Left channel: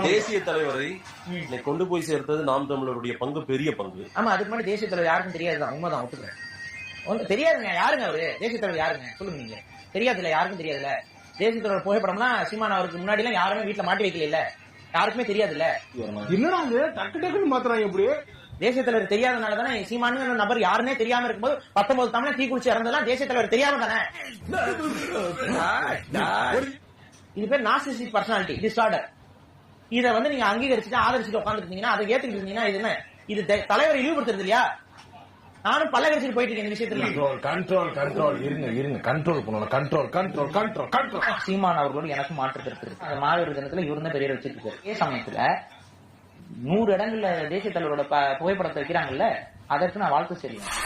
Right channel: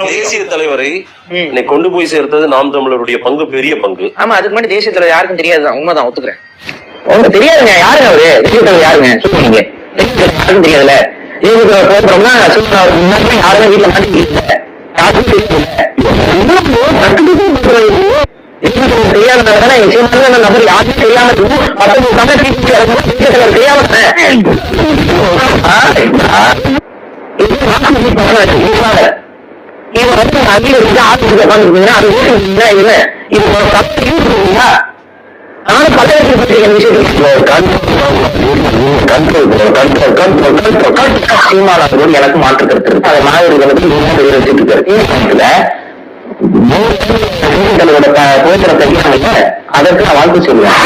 தேசிய தலைவரை இன்னைக்கு கொண்டு போய் சேர்த்தது நாம் தமிழருடைய பங்கு பெரிய பங்கு. ஆமா, அதுக்கு முன்னாடி தேசிய தலைவர் யாருக்கும் தெரியாதுதான், உண்மைதான், ஒத்துக்கிறேன். உங்களுக்கு தெரியாதுங்க யாருங்க அவரு? தேசிய தலைவர் யாருங்க சொல்லுவீங்க? யாருக்கும் தெரியாதுல்ல. தேசிய தலைவர் போகிறோம்னா முன்னாடி யாருமே வீட்டுல மாட்டிக்கல, யாருக்கும் தெரியாதனாலதானே நபர் யாருக்கும் தெரியாம இவன் வந்து அகில இருந்து ஆட்சி உட்காந்துருக்கீங்கன்னா அது இல்லை இது ஆனாலும் பல்வேறு விஷயங்கள் எனக்கு மாற்று கருத்து இருக்கு. அதை மாணவர்களுக்கு புகைப்படத்தை அதற்கு நான் வாழ்த்து சொல்லுவேன்.